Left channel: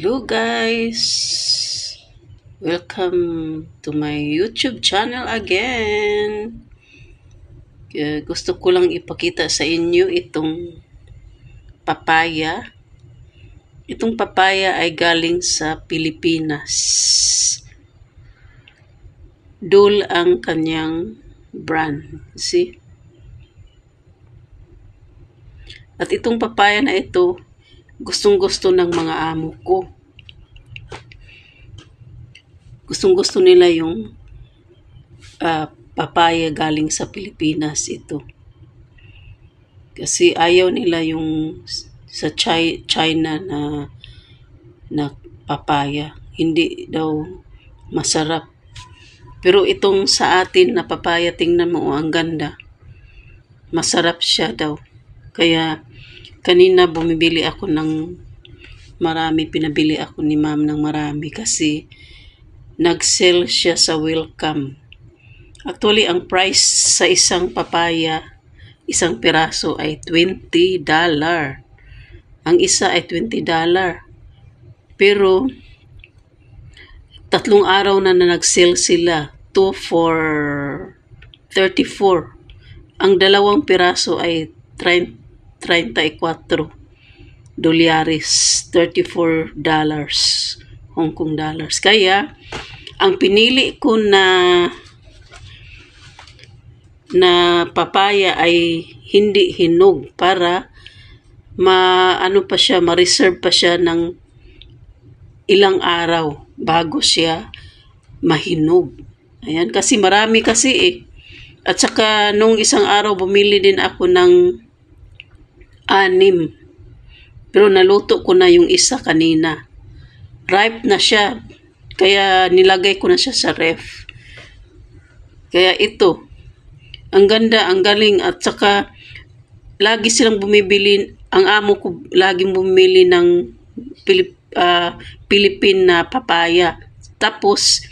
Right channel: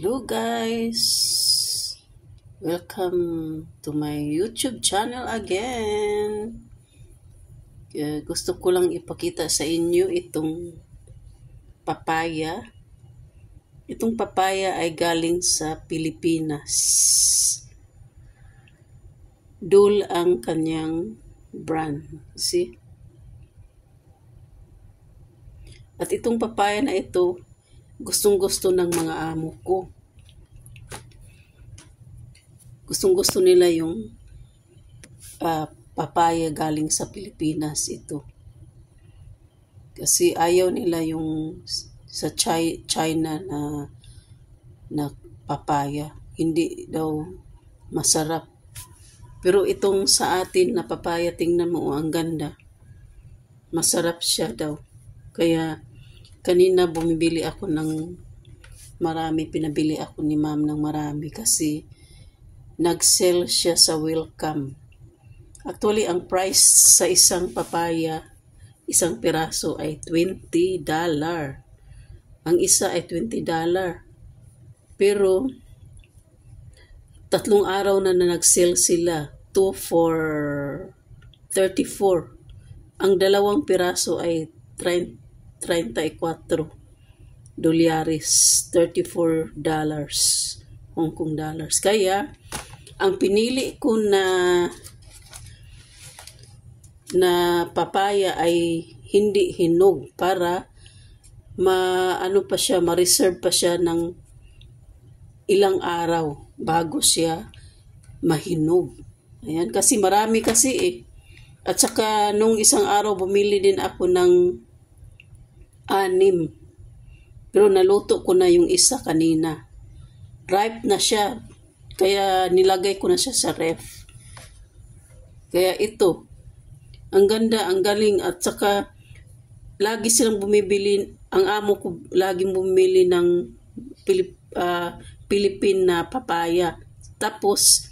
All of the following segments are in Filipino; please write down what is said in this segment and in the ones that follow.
Hello guys! Welcome to my YouTube channel again. Gusto ko lang ipakita sa inyo itong papaya. Itong papaya ay galing sa Pilipinas. Dole ang kanyang brand. See? At itong papaya na ito, gustong-gusto ng mga amo ko. Gustong-gusto nila yung papaya galing sa Pilipinas ito. Kasi ayaw nila yung sa China na papaya. Hindi daw masarap. Pero itong sa atin na papaya, tingnan mo, ang ganda. Masarap siya daw. Kaya kanina bumibili ako ng marami, pinabili ako ni ma'am ng marami kasi nag-sell siya sa Welcome. Actually, ang price sa isang papaya, isang piraso ay $20. Ang isa ay $20. Pero 3 araw na nag-sell sila, 2 for $34. Ang dalawang piraso ay $34 dolyares, $34 Hong Kong dollars. Kaya ang pinili ko na papaya ay hindi hinog para ma-reserve pa siya ng ilang araw bago siya mahinog. Ayan, kasi marami kasi eh. At saka nung isang araw bumili din ako ng 6. Pero naluto ko na yung isa kanina. Ripe na siya. Kaya nilagay ko na siya sa ref. Kaya ito, ang ganda, ang galing. At saka lagi silang bumibili, ang amo ko laging bumili ng Philippine na papaya. Tapos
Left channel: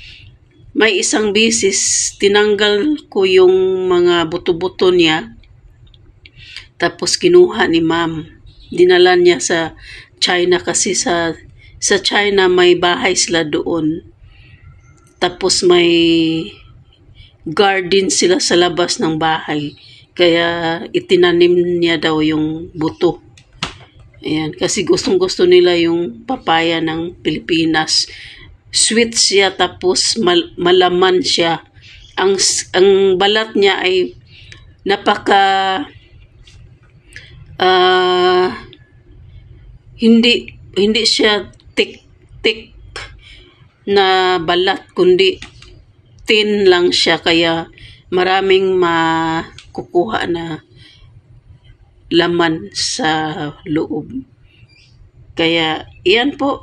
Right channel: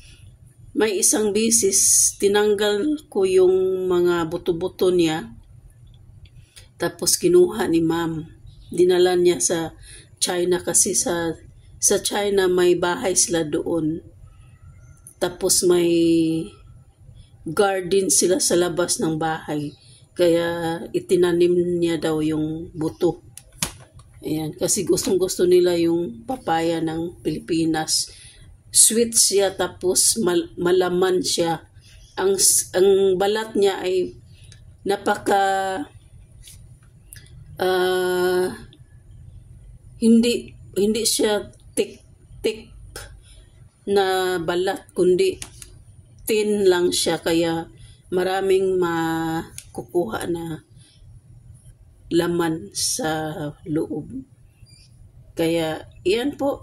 may isang bisis, tinanggal ko yung mga buto-buto niya. Tapos kinuha ni ma'am. Dinala niya sa China kasi sa China may bahay sila doon. Tapos may garden sila sa labas ng bahay. Kaya itinanim niya daw yung buto. Ayan, kasi gustong-gusto nila yung papaya ng Pilipinas. Sweet siya tapos malaman siya. Ang balat niya ay napaka hindi siya thick na balat, kundi thin lang siya, kaya maraming makukuha na laman sa loob. Kaya iyan po,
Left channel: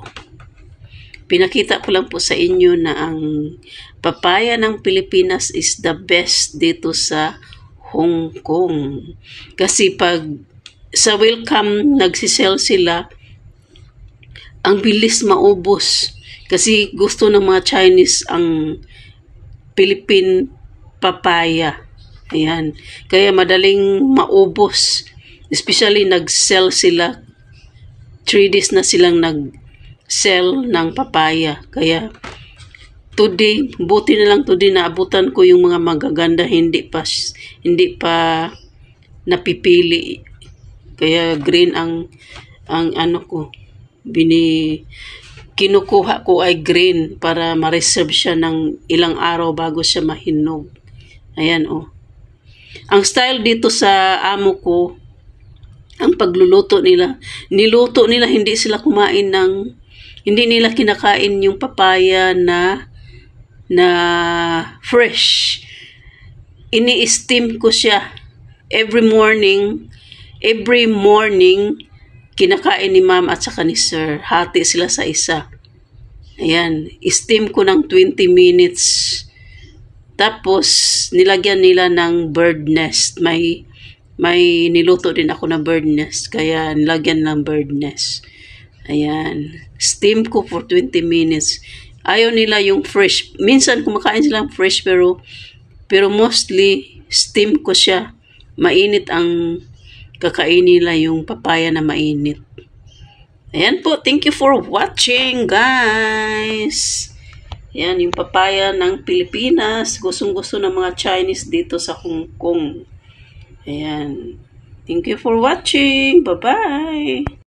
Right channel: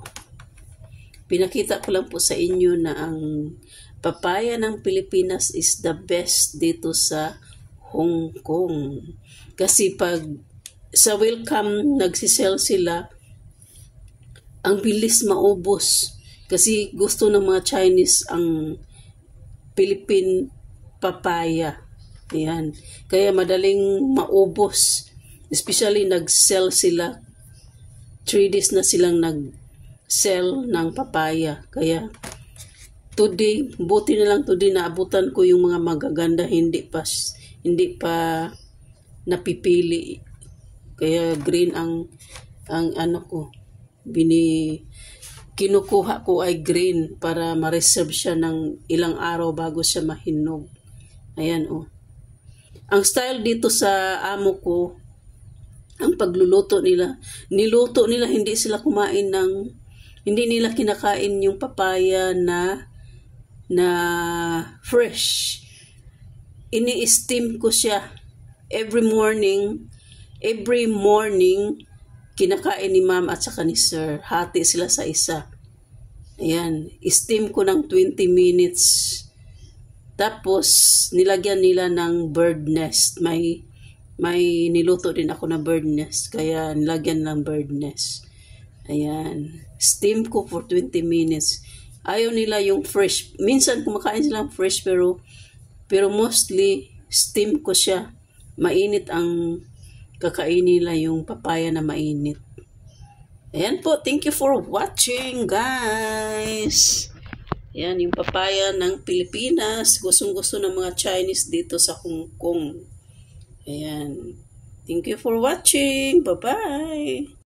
pinakita ko lang po sa inyo na ang papaya ng Pilipinas is the best dito sa Hong Kong. Kasi pag sa Welcome nagsisell sila, ang bilis maubos. Kasi gusto ng mga Chinese ang Philippine papaya. Ayan. Kaya madaling maubos. Especially nag-sell sila. 3 days na silang nag-sell ng papaya. Kaya today, buti na lang today naabutan ko yung mga magaganda, hindi pa napipili. Kaya green ang ano ko, kinukuha ko ay green para ma-reserve siya ng ilang araw bago siya mahinog. Ayan oh. Ang style dito sa amo ko, ang pagluluto nila, niluto nila, hindi nila kinakain yung papaya na fresh. Ini-steam ko siya every morning, kinakain ni ma'am at saka ni sir. Hati sila sa isa. Ayan, steam ko ng 20 minutes. Tapos nilagyan nila ng bird nest. May niluto din ako na bird nest, kaya nilagyan ng bird nest. Ayan, steam ko for 20 minutes. Ayaw nila yung fresh. Minsan kumakain silang fresh, pero mostly steam ko siya. Mainit ang kakainin nila, yung papaya na mainit. Ayan po, thank you for watching, guys. Yan, yung papaya ng Pilipinas. Gustong-gusto ng mga Chinese dito sa Hong Kong. Ayan. Thank you for watching. Bye-bye.